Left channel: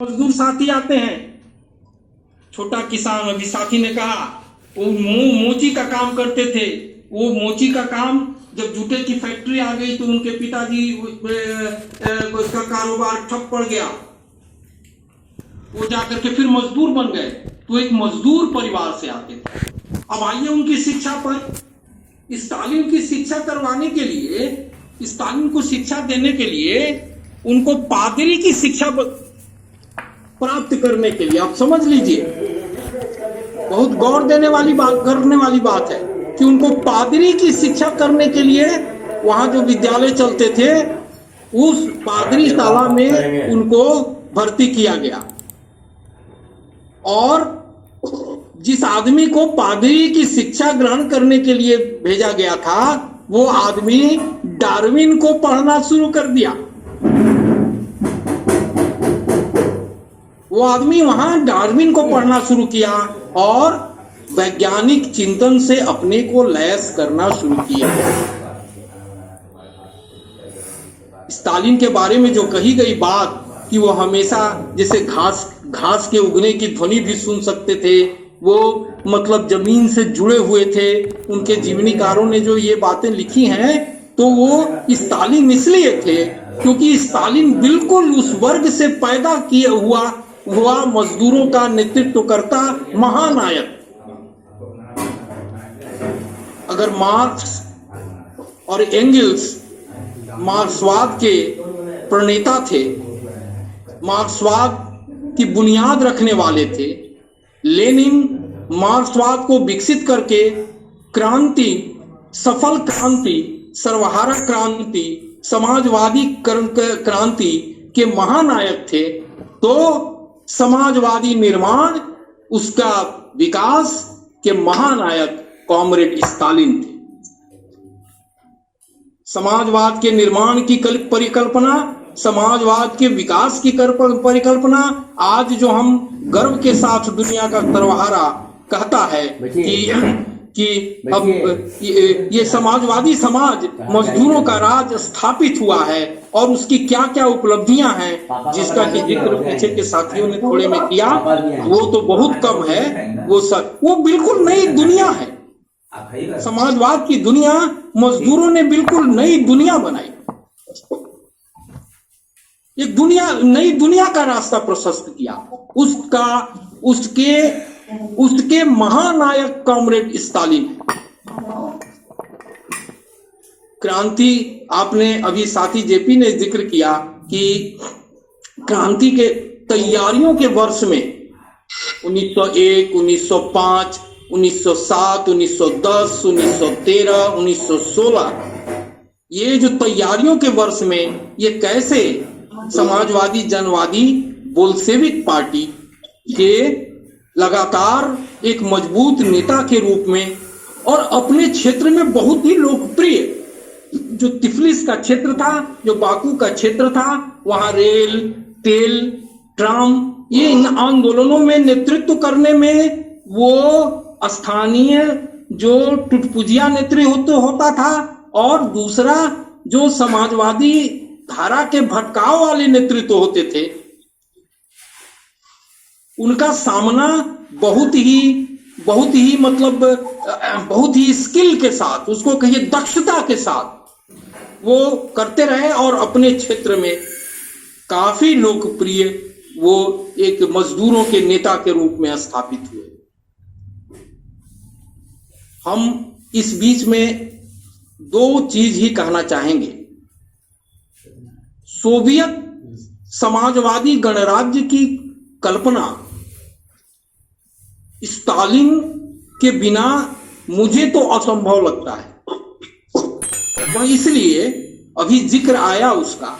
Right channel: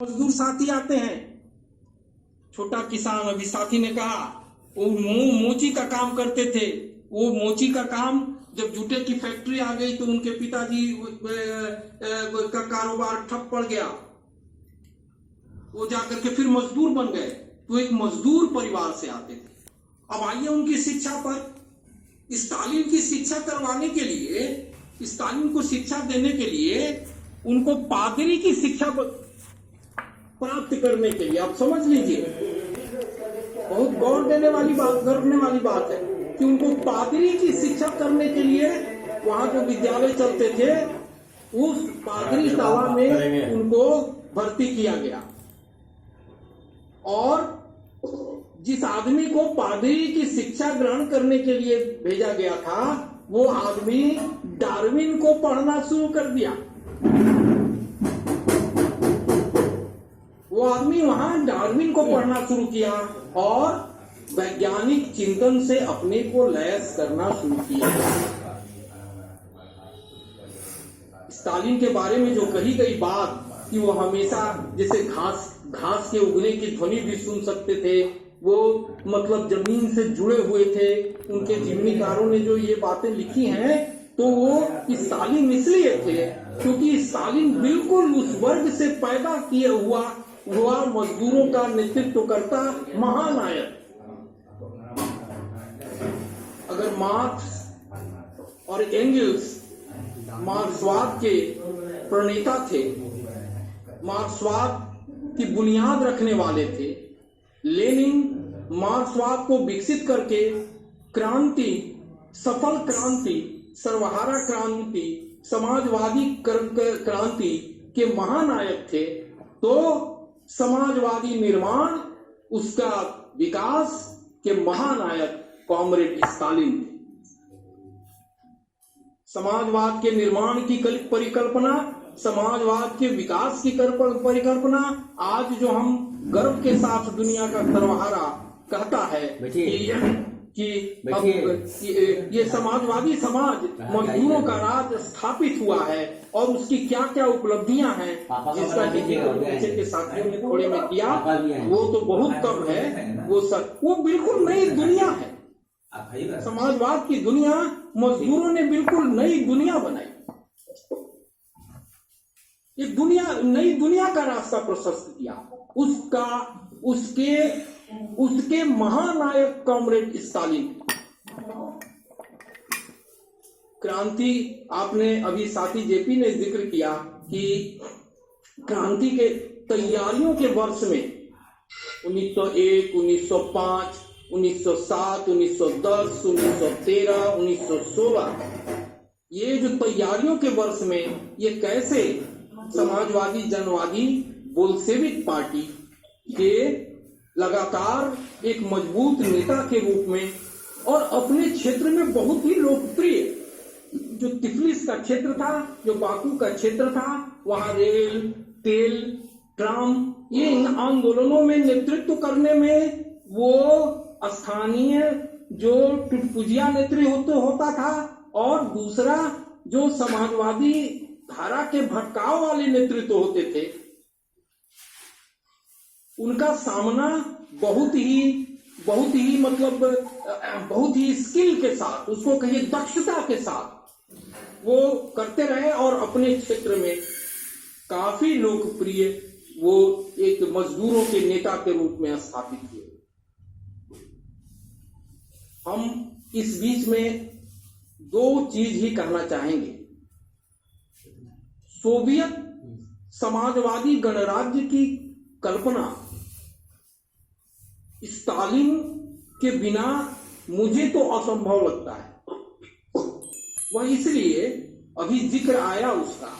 मजदूर साथी आते हैं। छोटा किसान, अभी साथी ने कहा वो मोची का काम करते थे। वो मोची का काम जब जूते की फैक्ट्री आ गई तो उनके पिताजी का कारोबार ठप पड़ गया। वो जाकर के फिर मजदूर बन गए। तो एक मजदूर परिवार से आते थे। अब आइए उनकी शिक्षा पर। स्टालिन की शिक्षा करवाने के लिए, स्टालिन को शिक्षा देने के लिए उनको पादरी की शिक्षा प्राप्त करने के लिए, आप समझ लीजिए, बहुत गौर देने वाली बात, करने वाली बात है कि उनको पादरी की शिक्षा करने के लिए वहां जो विद्यालय चलते थे उस पादरी शाला में उनको भर्ती किया गया। और जिस आदमी को पादरी की शिक्षा ग्रहण करने के लिए भेजा गया था वो आदमी डार्विन को पढ़ना शुरू कर दिया। वो आदमी वहां डार्विन को पढ़ना शुरू किया और वैज्ञानिक चिंतन से अपने को लैस करना शुरू किया। स्टालिन के बारे में जो कही गई बात कि वो हमेशा जैसे घास के उगने की ध्वनि भी सुन सकते थे, वो मतलब जमीन से जुड़े हुए थे, उनके जीवनीकारों ने जो ये बातें लिखी हैं तो वो स्टालिन इसलिए थे क्योंकि स्टालिन बिल्कुल उस वर्ग से पैदा किया हुआ मजदूरों का नेतृत्व करता महानायक। अगर मार्क्स और एंगल्स मार्क्सवाद के प्रणेता थे, मार्क्सवाद की बुनियाद रखने वाले थे, लेनिन मार्क्सवाद को विकसित करके क्रांति, सफल क्रांति, सर्वहारा क्रांति, समाजवादी क्रांति के महानायक थे, तो समाजवादी निर्माण, उसका विकास के महानायक कॉमरेड स्टालिन थे। समाजवाद के निर्माण की परिकल्पना, समाजवाद के विकास की परिकल्पना आज जो हम गर्व के साथ दुनिया का सर्वहारा कहता है कि अब ये समाजवादी समाज, मजदूरों का राज स्थापित हुआ है और उसकी क्या क्या उपलब्धियां हैं जिसका कि जिक्र पीछे के साथियों ने थोड़े में किया, वो तो बहुत कम है। वो बिल्कुल नई दुनिया है। समाजवाद की दुनिया मजदूरों ने बिल्कुल नई दुनिया बनाई। एक नई दुनिया का रास्ता प्रशस्त किया। उसके महानायक कॉमरेड स्टालिन। क्रांति, आपने अभी साथी जेपी ने जिक्र किया कि क्रांति के तैयारियों के वर्ष में 1901, 1905, 1907, 1910, 1913, 1916, ये जो तैयारियों के वर्ष में ये कैसे समाजवादी जनवादी बोल्शेविक पार्टी के लगातार एक मजबूत नेता के रूप में और अपने क्षेत्र में बहुत ही लोकप्रिय, जो तिफलिस का क्षेत्र था, जो बाकू का क्षेत्र था, वहां रेल, तेल, ट्राम, ये इन आंदोलनों में नेतृत्व करने में वो स्थानीय जो टुटपुजिया नेतृत्व होता था और दूसरा जो समाजवादी धारा के भटकाव वाले नेतृत्व होते थे, उनका सामना बहुत ही मतलब बहुत ही स्किल के साथ, उसको कहिए दक्षता के साथ वो करते रहे और अपने क्षेत्र में काफी लोकप्रिय वो एक मजदूरों के नेता के रूप में स्थापित हुए। हम इस बीच में दो चीज ही कहना चाहेंगे। सोवियत समाजवादी गणराज्य की कल्पना स्टालिन के बिना मुझे तो असंभव लगता है। वह इसलिए अभी जिक्र आया उसका,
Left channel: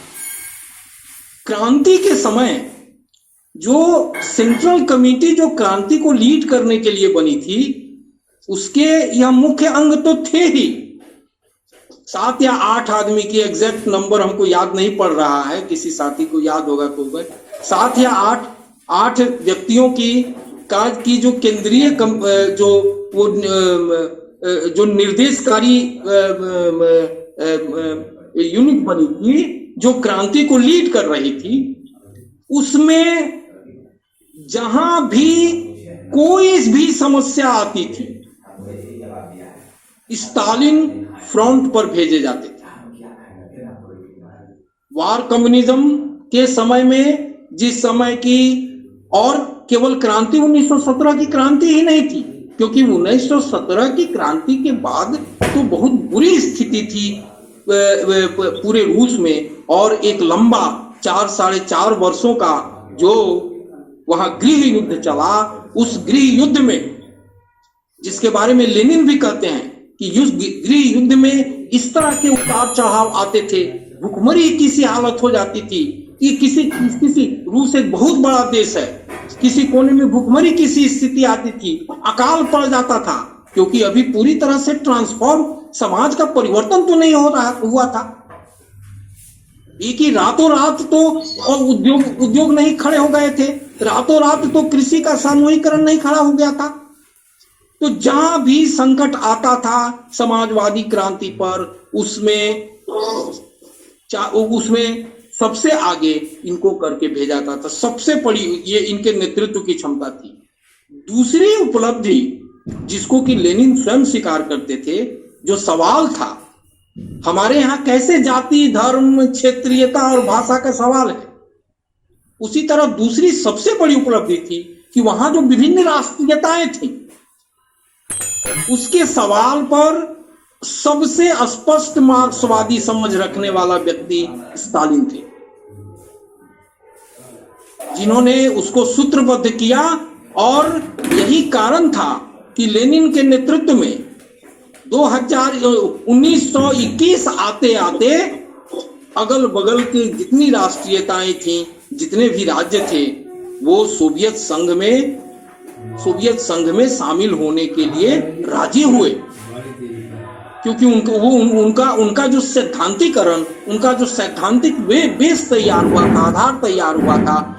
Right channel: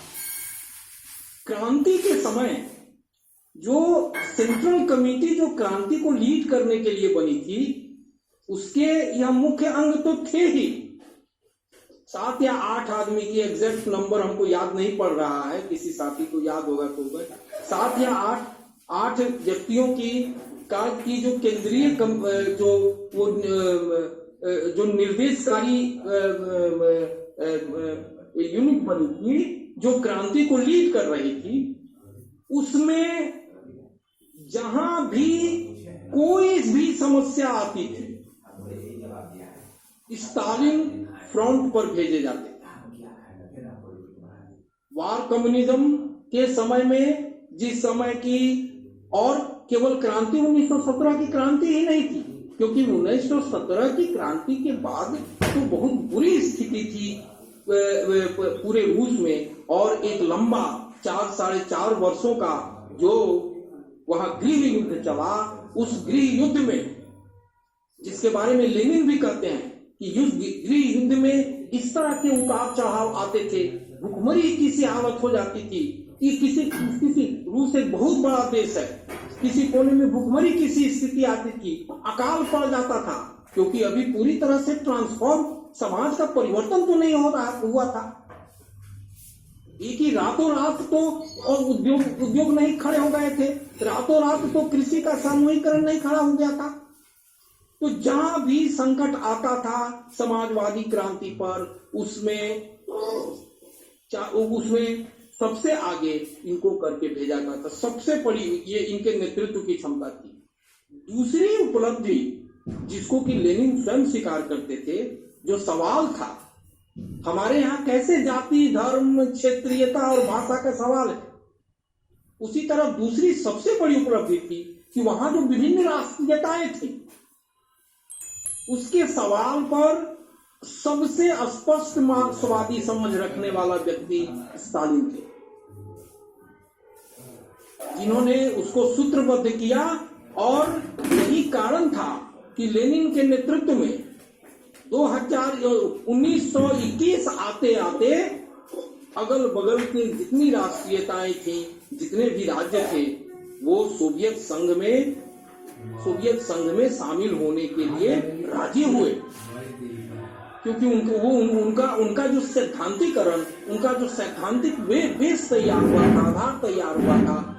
क्रांति के समय जो सेंट्रल कमेटी जो क्रांति को लीड करने के लिए बनी थी, उसके यह मुख्य अंग तो थे ही, 7 या 8 आदमी की एग्जैक्ट नंबर हमको याद नहीं पड़ रहा है, किसी साथी को याद होगा तो 7 या 8 व्यक्तियों की जो केंद्रीय जो निर्देशकारी यूनिट बनी थी, जो क्रांति को लीड कर रही थी, उसमें जहां भी कोई भी समस्या आती थी, स्टालिन फ्रंट पर भेजे जाते थे। वार कम्युनिज्म के समय में, जिस समय की, और केवल क्रांति 1917 की क्रांति ही नहीं थी, क्योंकि 1917 की क्रांति के बाद तो बहुत बुरी स्थिति थी पूरे रूस में, और एक लंबा 4-4.5 वर्षों का जो वहां गृह युद्ध चला, उस गृह युद्ध में, जिसके बारे में लेनिन भी कहते हैं कि गृह युद्ध में इस तरह के उतार चढ़ाव आते थे, भुखमरी की सी हालत हो जाती थी कि किसी रूस एक बहुत बड़ा देश है, किसी कोने में भुखमरी की सी स्थिति आती थी, अकाल पड़ जाता था, क्योंकि अभी पूरी तरह से ट्रांसफॉर्म, समाज का परिवर्तन तो नहीं हुआ था। एक ही रातों रात तो उद्योग नहीं खड़े हो गए थे, रातों रात तो कृषि का सामूहिकरण नहीं खड़ा हो गया था। तो जहां भी संकट आता था समाजवादी क्रांति पर, उसमें सबसे आगे इनको करके भेजा जाता था। सबसे बड़ी ये इनके नेतृत्व की क्षमता थी। दूसरी उपलब्धि जिसको कि लेनिन स्वयं स्वीकार करते थे, जो सवाल था हमारे यहाँ कैसे जाति, धर्म, क्षेत्रीयता और भाषा का सवाल है, उसी तरह दूसरी सबसे बड़ी उपलब्धि थी कि वहां जो विभिन्न राष्ट्रीयताएं थी, उसके सवाल पर सबसे स्पष्ट मार्क्सवादी समझ रखने वाला व्यक्ति स्टालिन थे, जिन्होंने उसको सूत्रबद्ध किया। और यही कारण था कि लेनिन के नेतृत्व में 1921 आते आते अगल बगल की जितनी राष्ट्रीयताएं थीं, जितने भी राज्य थे, वो सोवियत संघ में शामिल होने के लिए राजी हुए, क्योंकि उनका जो सैद्धांतिकरण, उनका जो सैद्धांतिक बेस तैयार हुआ था, आधार तैयार हुआ था,